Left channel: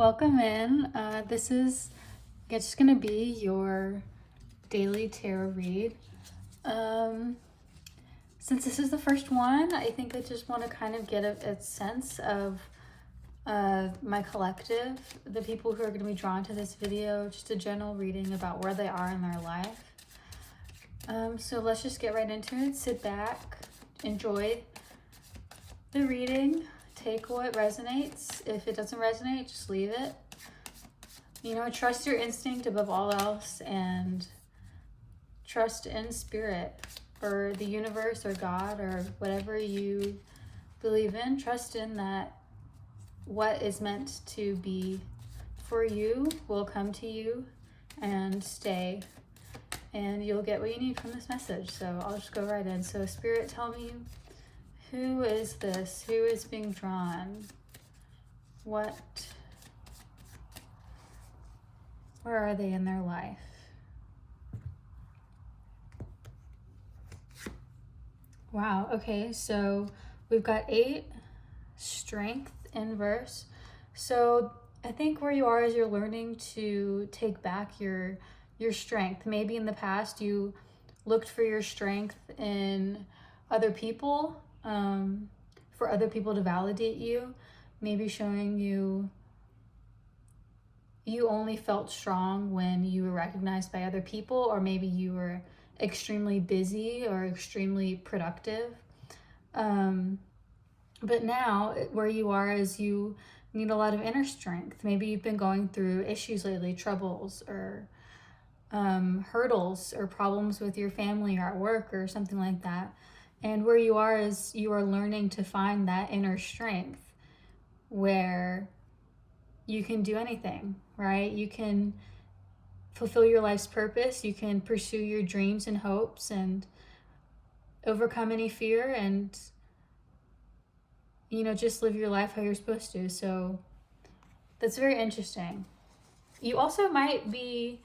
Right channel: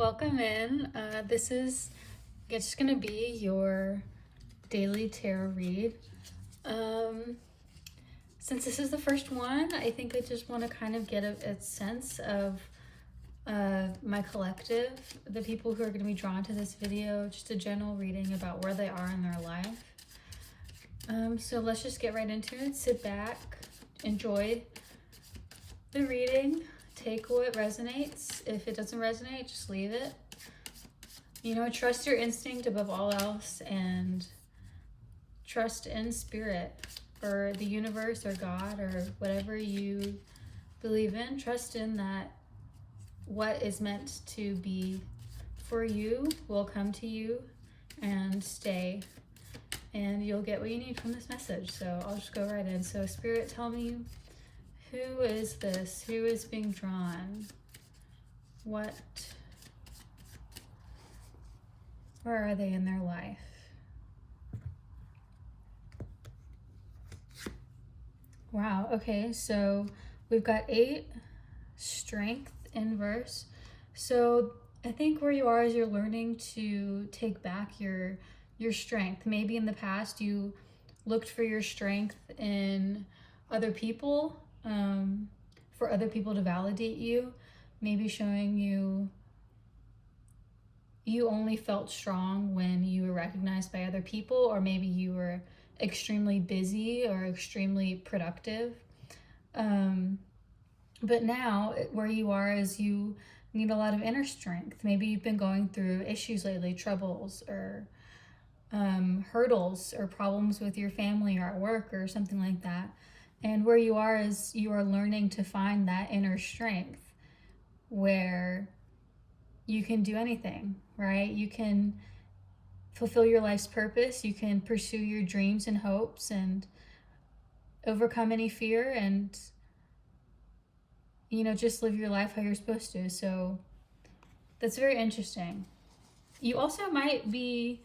welcome in. This is just gonna be your daily tarot read. Since this is the first one, I think I just want to kind of get a sense of my collective, the people who are going to be drawn to this video, just a general reading about where they are in their life. So let's just get right into it. Sit back, enjoy the reading, take what resonates. If it doesn't resonate, just leave it. Trust your instinct above all else, and trust in spirit or the universe or God or whatever you believe in. Trust in that what is meant to be for you will come to you and stay, and you'll get what you need from this message. So I'll just go right in. So Spirit, tell me, who is this? Who is being drawn? Where are they in their life? Wow, okay, so we've got 8, strength, inverse. So I think where you are is you're learning to take back your strength. Maybe in the past you looked for your strength in other people, for other people to validate you, maybe showing you only felt strong when you were recognized by other people, or maybe you were extremely busy or extremely productive. But now where you are is you need a lot of inner strength. Maybe you've been going through issues lately, troubles or hurdles or problems with your family or at work or something like that. And where you are is you are learning to find that inner strength where you can do anything, right? You can fulfill your life's purpose. You can pursue your dreams and hopes and overcome any fear and, just live your life how you're supposed to. So that's very interesting. You also might be,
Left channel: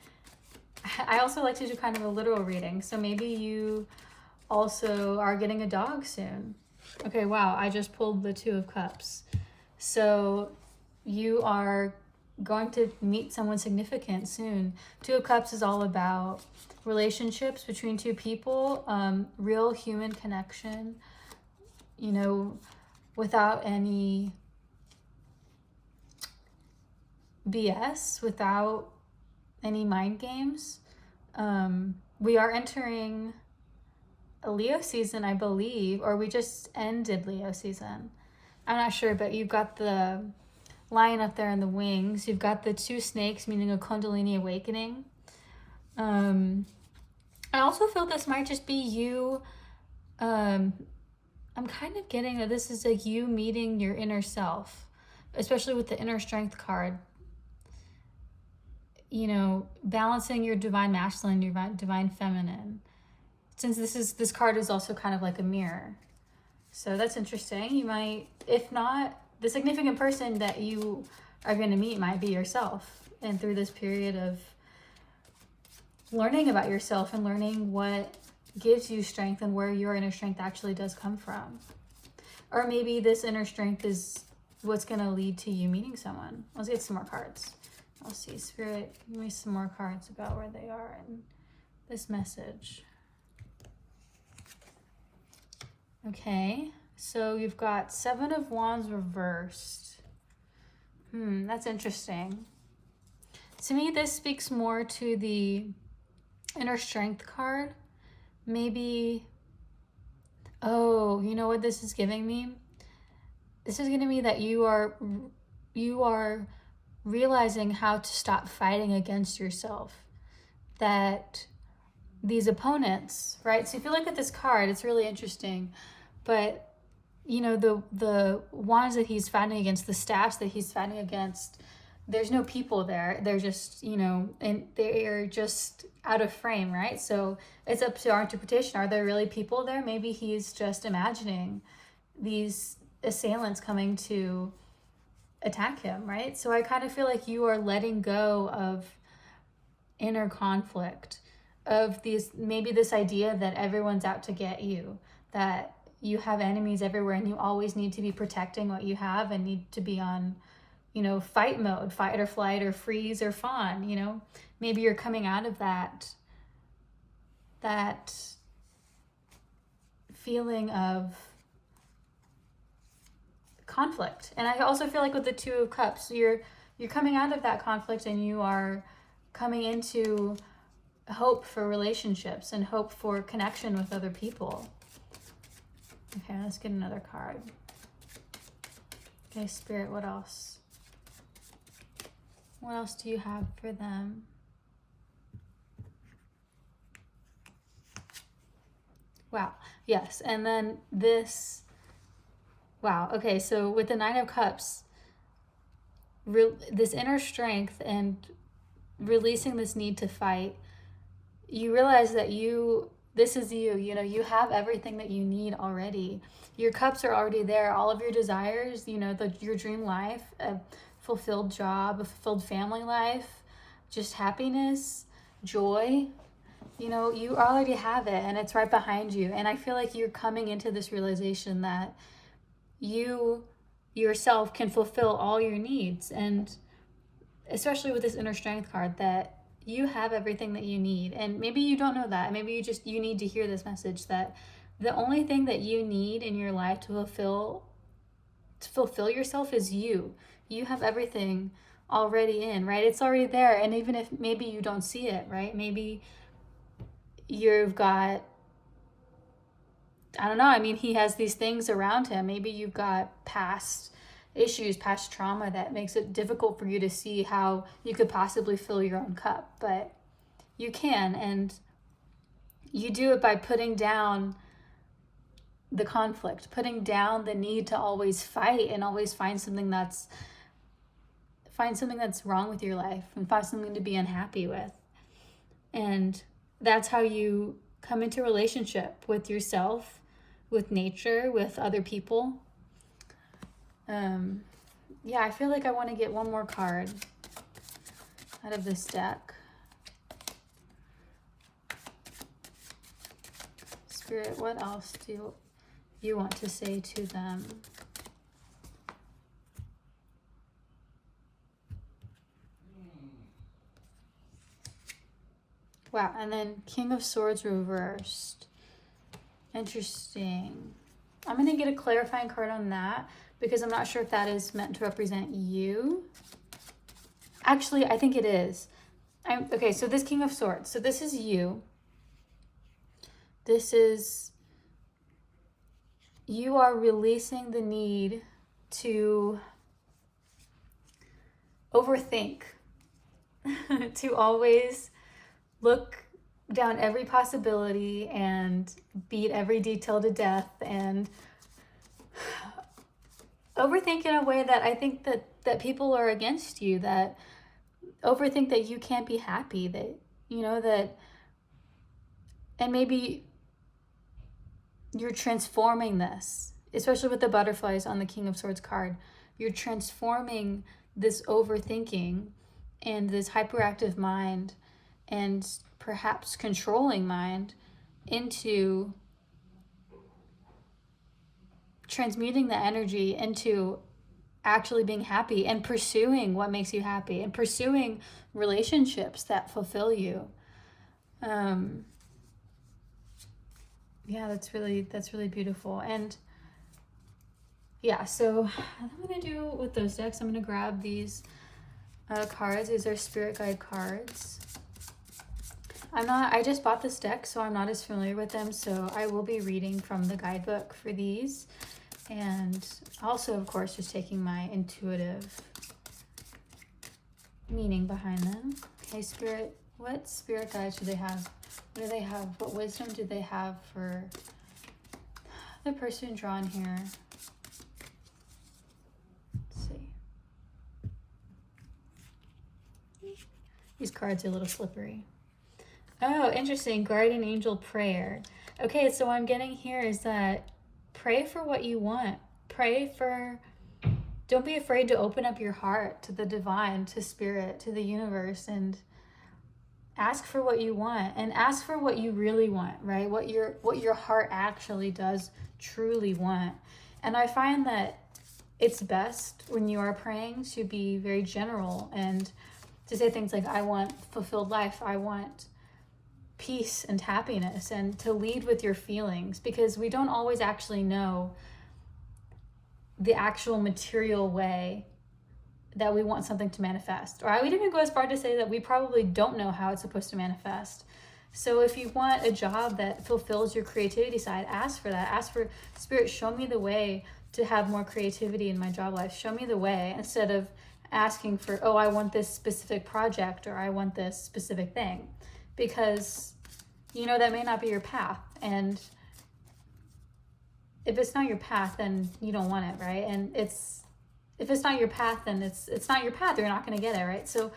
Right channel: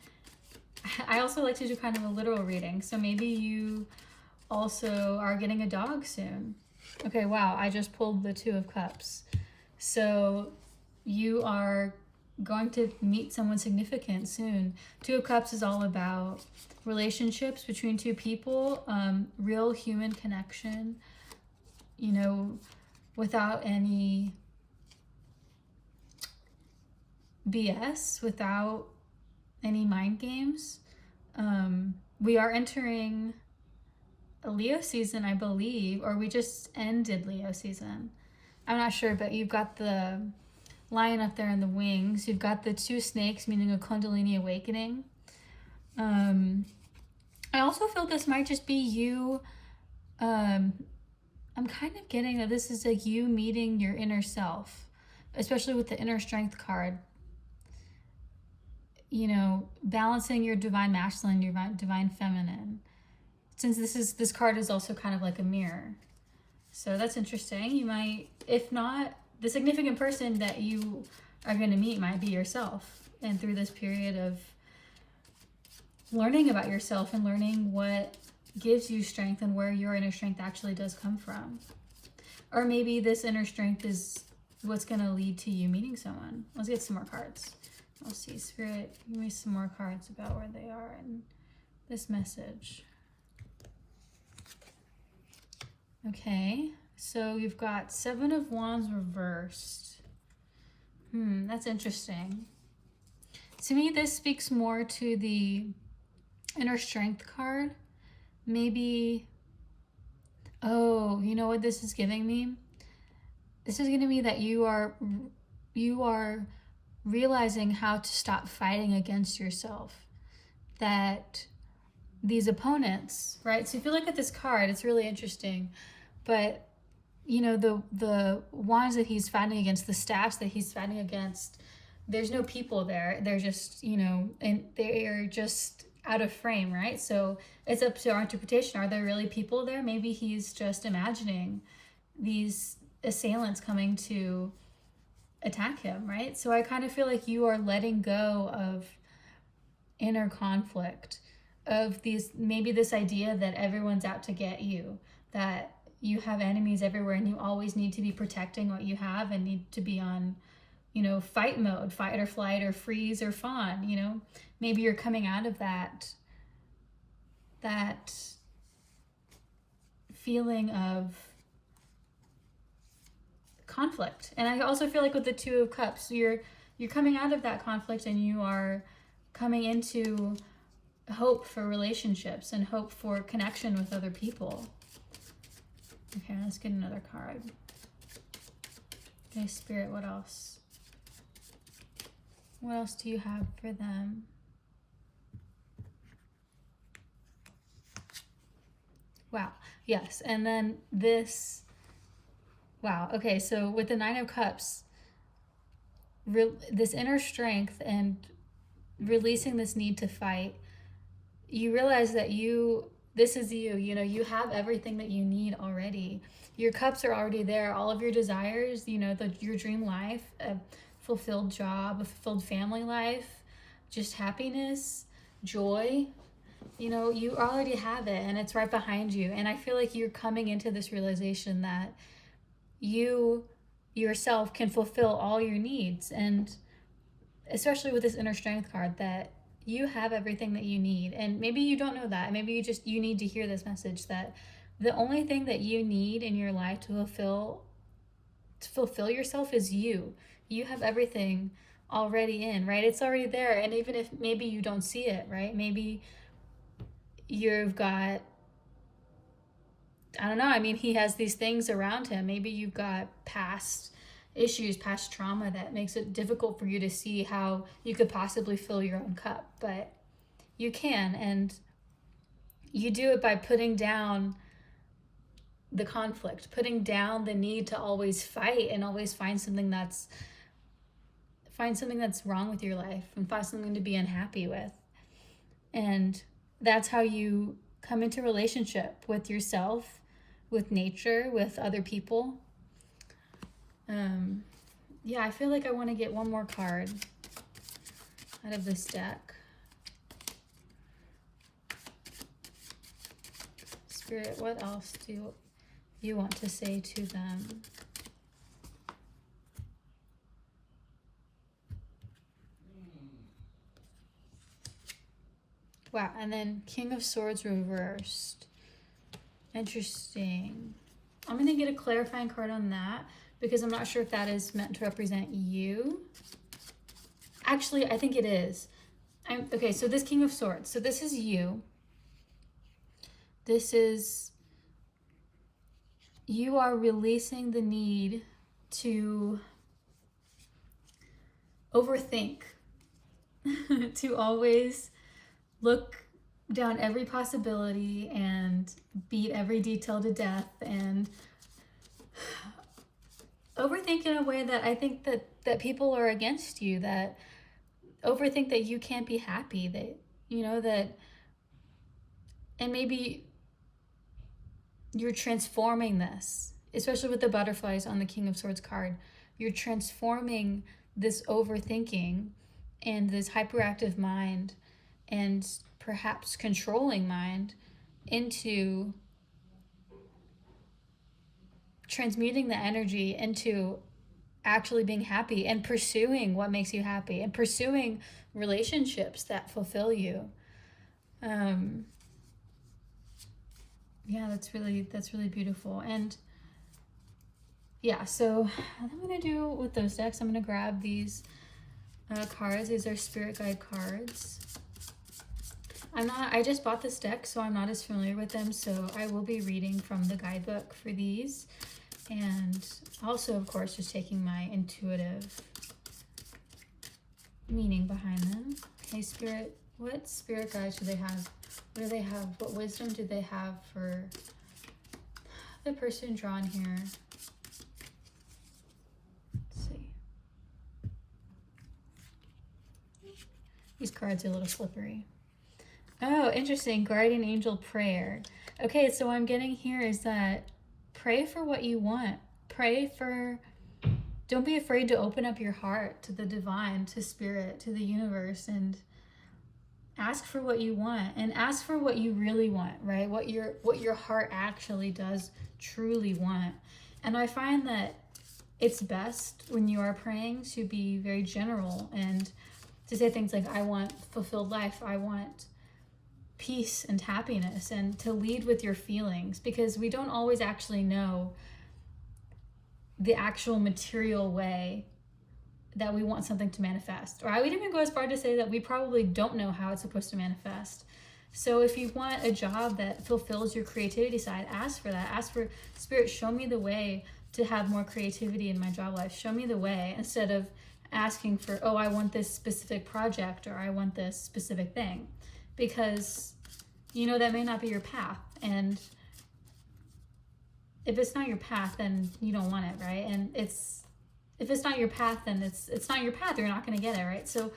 I also like to do kind of a literal reading. So maybe you also are getting a dog soon. Okay, wow, I just pulled the 2 of Cups. So you are going to meet someone significant soon. 2 of Cups is all about relationships between 2 people, real human connection, without any BS, without any mind games. We are entering a Leo season, I believe, or we just ended Leo season. I'm not sure, but you've got the lion up there in the wings. You've got the 2 snakes, meaning a Kundalini awakening. I also feel this might just be you. I'm kind of getting that this is like you meeting your inner self, especially with the inner strength card. Balancing your divine masculine, your divine feminine. Since this card is also kind of like a mirror. So that's interesting. You might, if not, the significant person that you are going to meet might be yourself. And through this period of learning about yourself and learning what gives you strength and where your inner strength actually does come from. Or maybe this inner strength is what's going to lead to you meeting someone. Let's get some more cards. I'll see. Spirit, give me some more cards about where they are in this message. Okay, so you've got 7 of Wands reversed. That's interesting. To me, this speaks more to the inner strength card. Maybe, oh, you know what this is giving me? This is giving me that you are realizing how to stop fighting against yourself. That these opponents, right? So if you look at this card, it's really interesting. But, the wands that he's fighting against, the staffs that he's fighting against, there's no people there. They're just, and they're just out of frame, right? So it's up to our interpretation. Are there really people there? Maybe he's just imagining these assailants coming to attack him, right? So I kind of feel like you are letting go of inner conflict, of maybe this idea that everyone's out to get you, that you have enemies everywhere and you always need to be protecting what you have and need to be on you know, fight mode, fight or flight or freeze or fawn, you know. Maybe you're coming out of that feeling of conflict. And I also feel like with the Two of Cups, you're coming out of that conflict and you are coming into hope for relationships and hope for connection with other people. Okay, let's get another card. Okay, Spirit, what else? What else do you have for them? Wow, yes, and then this, wow, okay, so with the Nine of Cups, this inner strength and releasing this need to fight, you realize that this is you, you know, you have everything that you need already. Your cups are already there, all of your desires, you know, your dream life, a fulfilled job, a fulfilled family life, just happiness, joy, you know, you already have it and it's right behind you. And I feel like you're coming into this realization that you yourself can fulfill all your needs, and especially with this inner strength card, that you have everything that you need. And maybe you don't know that. Maybe you need to hear this message that the only thing that you need in your life to fulfill yourself is you. You have everything already in, right? It's already there. And even if maybe you don't see it, right? Maybe you've got, I don't know, I mean, he has these things around him. Maybe you've got past issues, past trauma that makes it difficult for you to see how you could possibly fill your own cup. But you can, and you do it by putting down the conflict, putting down the need to always fight and always find something that's wrong with your life and find something to be unhappy with. And that's how you come into relationship with yourself, with nature, with other people. Yeah, I feel like I want to get one more card out of this deck. Spirit, what else do you want to say to them? Wow, and then King of Swords reversed. Interesting. I'm going to get a clarifying card on that because I'm not sure if that is meant to represent you. Actually, I think it is. Okay, so this King of Swords. So this is you. This is, you are releasing the need to overthink, to always look down every possibility and beat every detail to death and overthink in a way that I think that people are against you, that overthink that you can't be happy, that, you know, that, and maybe you're transforming this, especially with the butterflies on the King of Swords card. You're transforming this overthinking and this hyperactive mind and perhaps controlling mind into transmuting the energy into actually being happy and pursuing what makes you happy and pursuing relationships that fulfill you. Yeah, that's really beautiful. And yeah, so what I'm gonna do with those decks, I'm gonna grab these cards. These are spirit guide cards. I just bought this deck, so I'm not as familiar with them, so I will be reading from the guidebook for these, and also, of course, just taking my intuitive meaning behind them. Okay, Spirit, what spirit guides do they have? What do they have? What wisdom do they have for the person drawn here? Let's see. These cards are a little slippery. Oh, interesting. Guardian angel prayer. Okay, so what I'm getting here is that pray for what you want. Don't be afraid to open up your heart to the divine, to spirit, to the universe, and ask for what you want, and ask for what you really want, right? What your heart actually does truly want. And I find that it's best when you are praying to be very general and to say things like, I want fulfilled life, I want peace and happiness, and to lead with your feelings, because we don't always actually know the actual material way that we want something to manifest. Or I would even go as far to say that we probably don't know how it's supposed to manifest. So if you want a job that fulfills your creativity side, ask for that. Ask for, Spirit, show me the way to have more creativity in my job life. Show me the way, instead of asking for, oh, I want this specific project or I want this specific thing. Because, you know, that may not be your path. And if it's not your path, then you don't want it, right? And if it's not your path, then it's not your path. You're not going to get it, right? So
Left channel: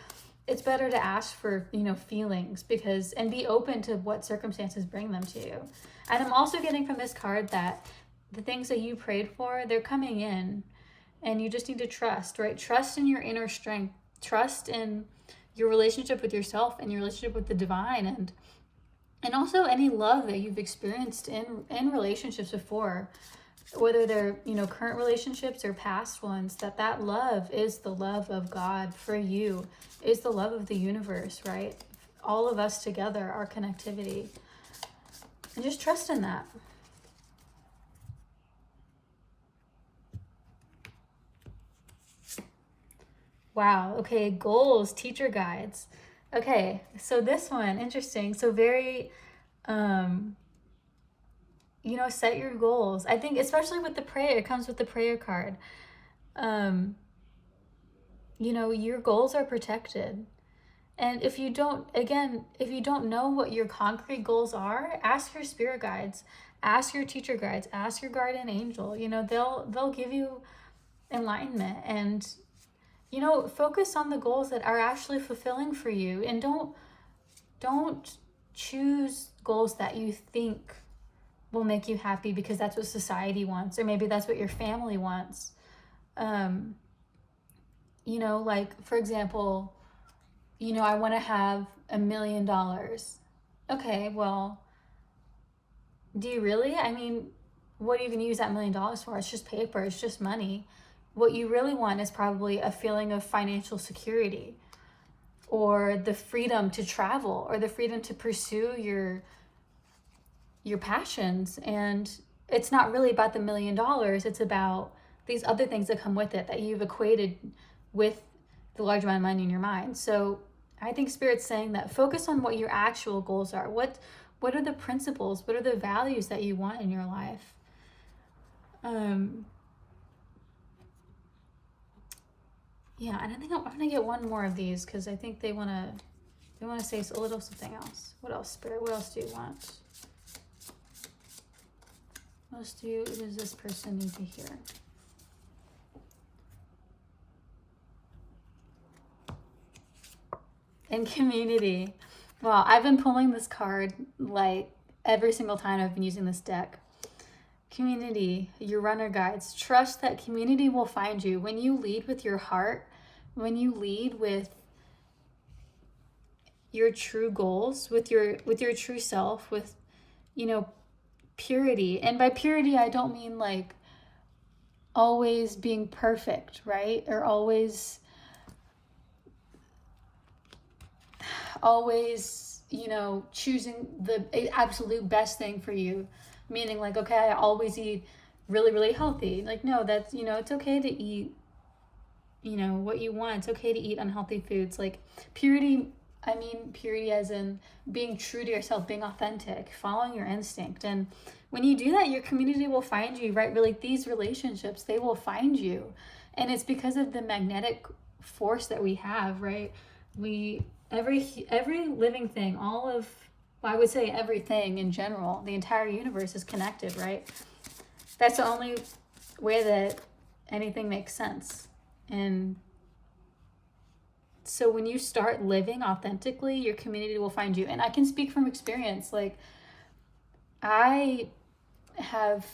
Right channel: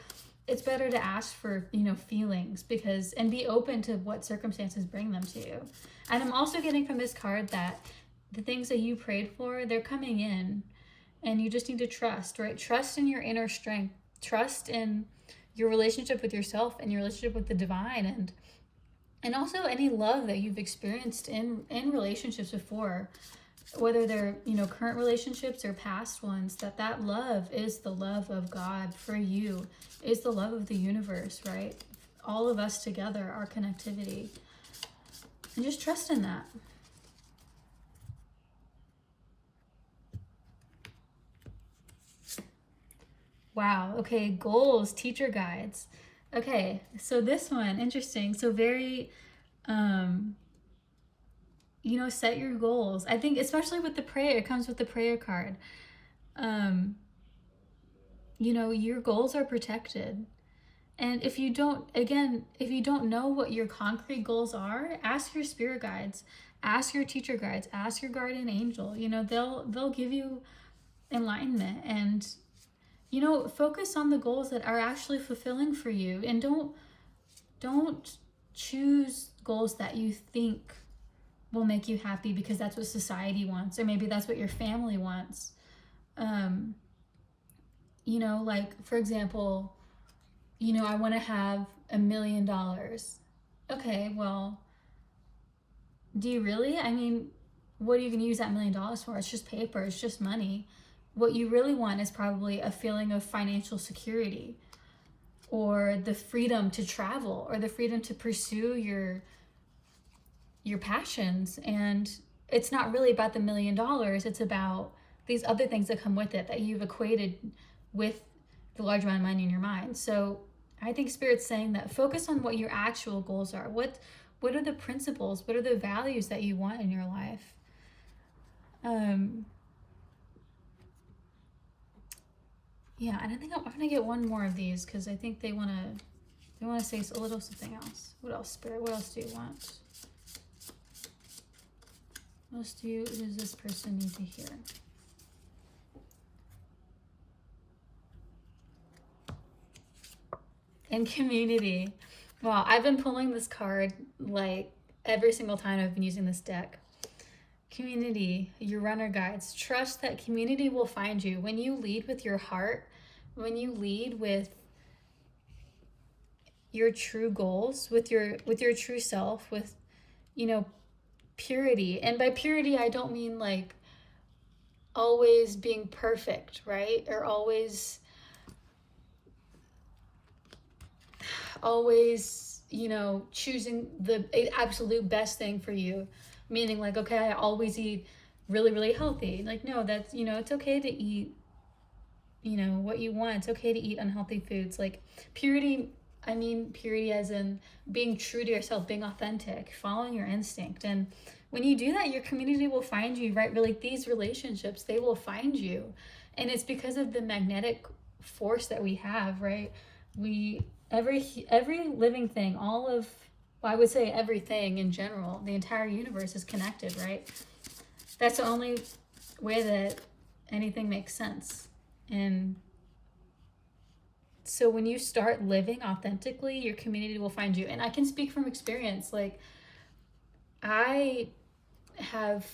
it's better to ask for, you know, feelings, because, and be open to what circumstances bring them to you. And I'm also getting from this card that the things that you prayed for, they're coming in, and you just need to trust, right? Trust in your inner strength. Trust in your relationship with yourself and your relationship with the divine, and also any love that you've experienced in relationships before, whether they're, you know, current relationships or past ones, that love is the love of God for you, is the love of the universe, right? All of us together, our connectivity. And just trust in that. Wow. Okay. Goals, teacher guides. Okay. So this one, interesting. So very, you know, set your goals. I think especially with the prayer, it comes with the prayer card. You know, your goals are protected. And if you don't know what your concrete goals are, ask your spirit guides, ask your teacher guides, ask your guardian angel. You know, they'll give you enlightenment, and, you know, focus on the goals that are actually fulfilling for you, and don't choose goals that you think will make you happy because that's what society wants, or maybe that's what your family wants. You know, like, for example, you know, I want to have $1 million. Okay, well, do you really? I mean, what are you going to use that $1 million for? It's just paper, it's just money. What you really want is probably a feeling of financial security, or the freedom to travel, or the freedom to pursue your passions. And it's not really about the $1 million. It's about these other things that come with it that you've equated with the large amount of money in your mind. So I think Spirit's saying that focus on what your actual goals are. What are the principles? What are the values that you want in your life? Yeah, and I think I'm gonna get one more of these, because I think they wanna say a little something else. What else, Spirit? What else do you want? What else does this person need to hear? And community. Wow, I've been pulling this card like every single time I've been using this deck. Community, your runner guides. Trust that community will find you. When you lead with your heart, when you lead with your true goals, with your true self, with, you know, purity. And by purity, I don't mean like always being perfect, right? Or always, you know, choosing the absolute best thing for you. Meaning like, okay, I always eat really, really healthy. Like, no, that's, you know, it's okay to eat, you know, what you want. It's okay to eat unhealthy foods. Like, purity, I mean purity as in being true to yourself, being authentic, following your instinct. And when you do that, your community will find you, right? Like, these relationships, they will find you. And it's because of the magnetic force that we have, right? Every living thing, I would say everything in general, the entire universe is connected, right? That's the only way that anything makes sense. And so when you start living authentically, your community will find you. And I can speak from experience. Like, I have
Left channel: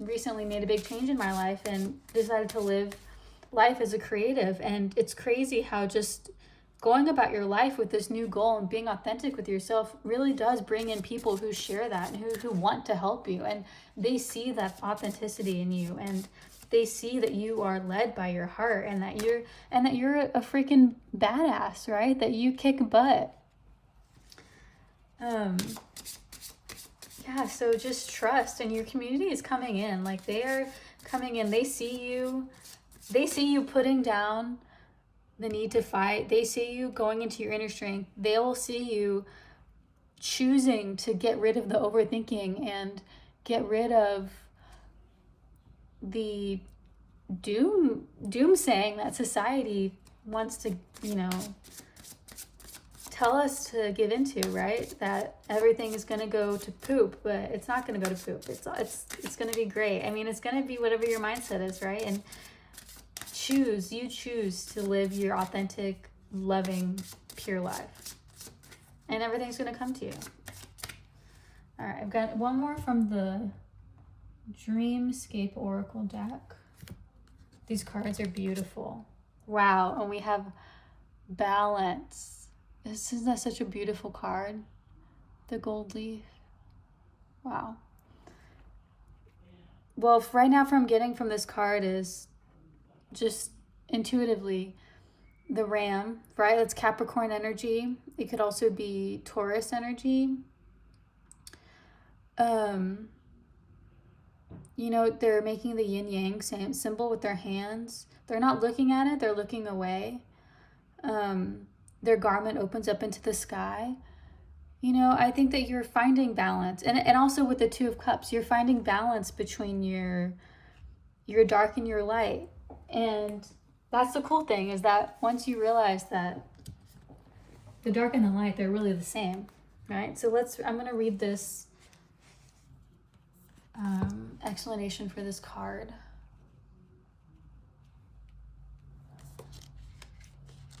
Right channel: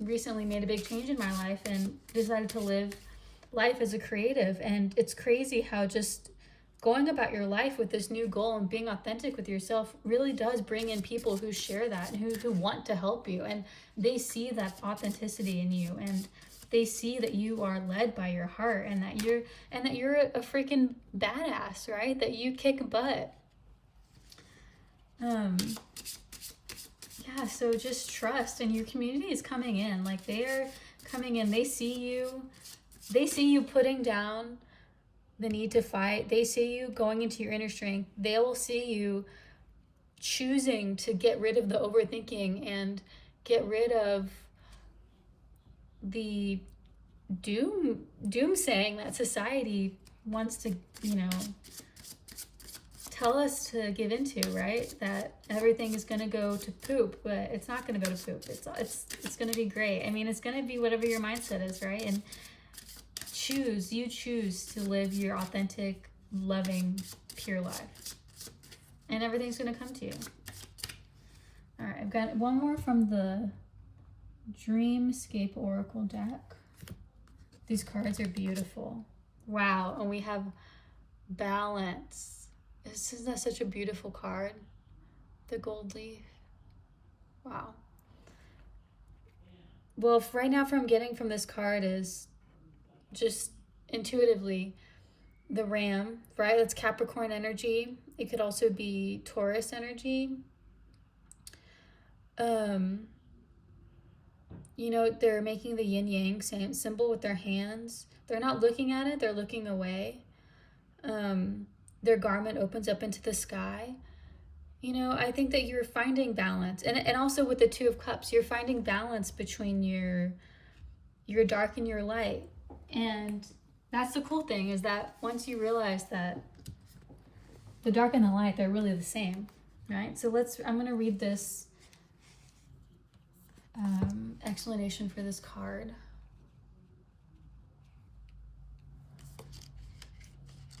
recently made a big change in my life and decided to live life as a creative. And it's crazy how just going about your life with this new goal and being authentic with yourself really does bring in people who share that and who want to help you, and they see that authenticity in you. And They see that you are led by your heart, and that you're a freaking badass, right? That you kick butt. Yeah, so just trust, and your community is coming in. Like, they are coming in. They see you putting down the need to fight. They see you going into your inner strength. They will see you choosing to get rid of the overthinking and get rid of the doomsaying that society wants to, tell us to give into, right? That everything is going to go to poop, but it's not going to go to poop. It's going to be great. I mean, it's going to be whatever your mindset is, right? And you choose to live your authentic, loving, pure life. And everything's going to come to you. All right, I've got one more from the Dreamscape Oracle deck. These cards are beautiful. Wow, and we have balance. Isn't that such a beautiful card? The gold leaf. Wow. Well, right now, what I'm getting from this card is just intuitively the ram, right? That's Capricorn energy. It could also be Taurus energy. They're making the yin yang same symbol with their hands. They're not looking at it, they're looking away. Their garment opens up into the sky. I think that you're finding balance. And also with the Two of Cups, you're finding balance between your dark and your light. And that's the cool thing, is that once you realize that the dark and the light, they're really the same, right? So I'm going to read this explanation for this card.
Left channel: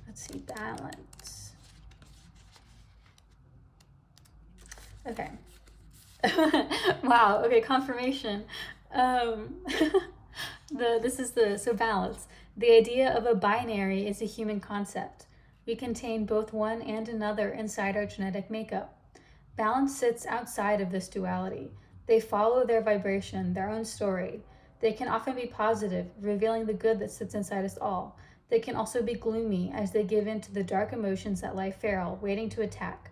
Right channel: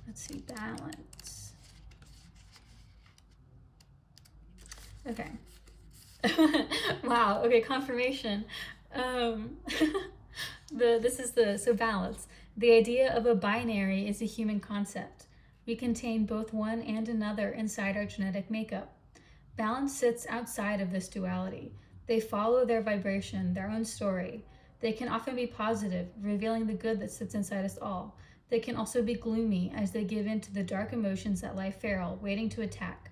Let's see, balance. Okay. Wow. Okay, confirmation. So balance. The idea of a binary is a human concept. We contain both one and another inside our genetic makeup. Balance sits outside of this duality. They follow their vibration, their own story. They can often be positive, revealing the good that sits inside us all. They can also be gloomy, as they give in to the dark emotions that lie feral, waiting to attack.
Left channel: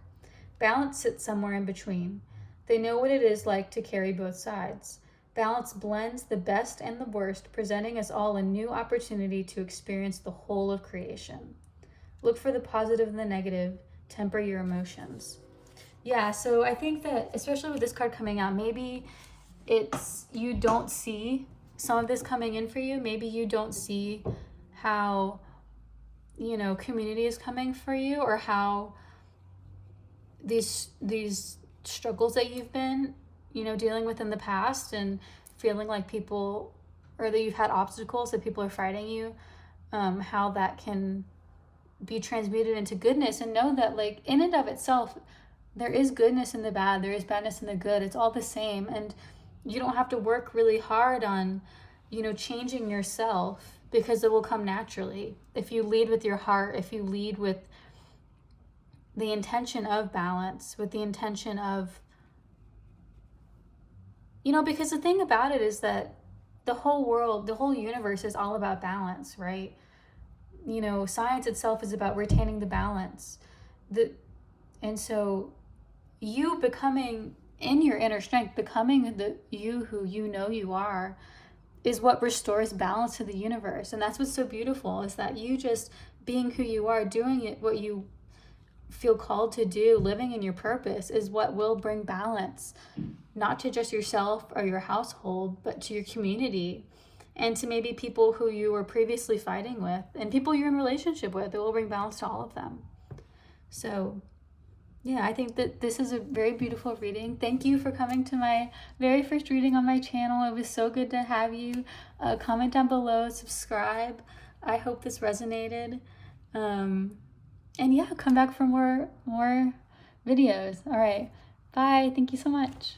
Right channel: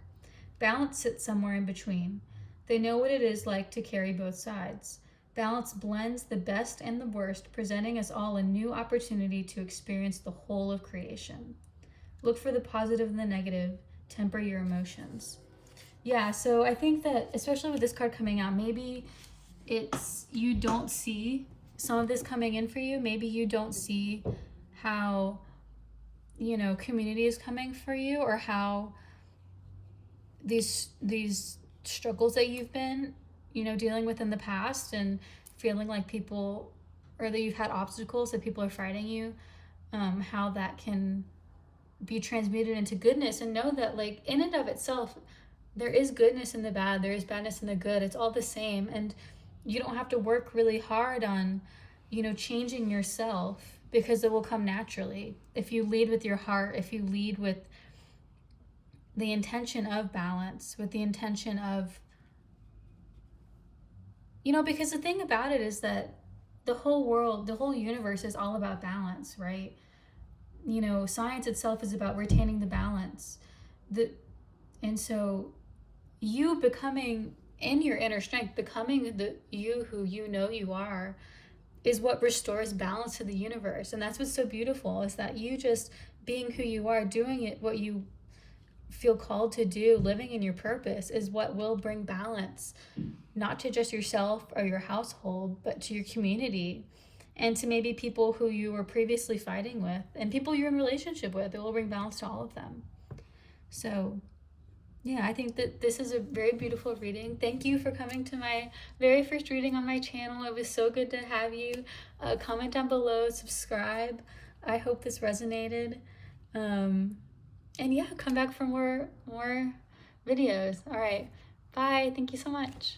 Balance sits somewhere in between. They know what it is like to carry both sides. Balance blends the best and the worst, presenting us all a new opportunity to experience the whole of creation. Look for the positive and the negative. Temper your emotions. Yeah, so I think that, especially with this card coming out, maybe you don't see some of this coming in for you. Maybe you don't see how, community is coming for you, or how these struggles that you've been, dealing with in the past, and feeling like people, or that you've had obstacles that people are fighting you, how that can be transmuted into goodness. And know that, like, in and of itself, there is goodness in the bad, there is badness in the good. It's all the same. And you don't have to work really hard on, changing yourself, because it will come naturally. If you lead with your heart, if you lead with the intention of balance, with the intention of, because the thing about it is that the whole world, the whole universe is all about balance, right? Science itself is about retaining the balance. And so you becoming in your inner strength, becoming the you who you are, is what restores balance to the universe. And that's what's so beautiful, is that you just being who you are, doing it, what you feel called to do, living in your purpose, is what will bring balance, not to just yourself or your household, but to your community, and to maybe people who you were previously fighting with, and people you're in relationship with. It will bring balance to all of them. So yeah, I think that this is a very beautiful reading. Thank you for coming to my very first reading on my channel. It was so good to have you. Comment down below, subscribe. I hope this resonated. And yeah, come back for more videos. All right, bye. Thank you so much.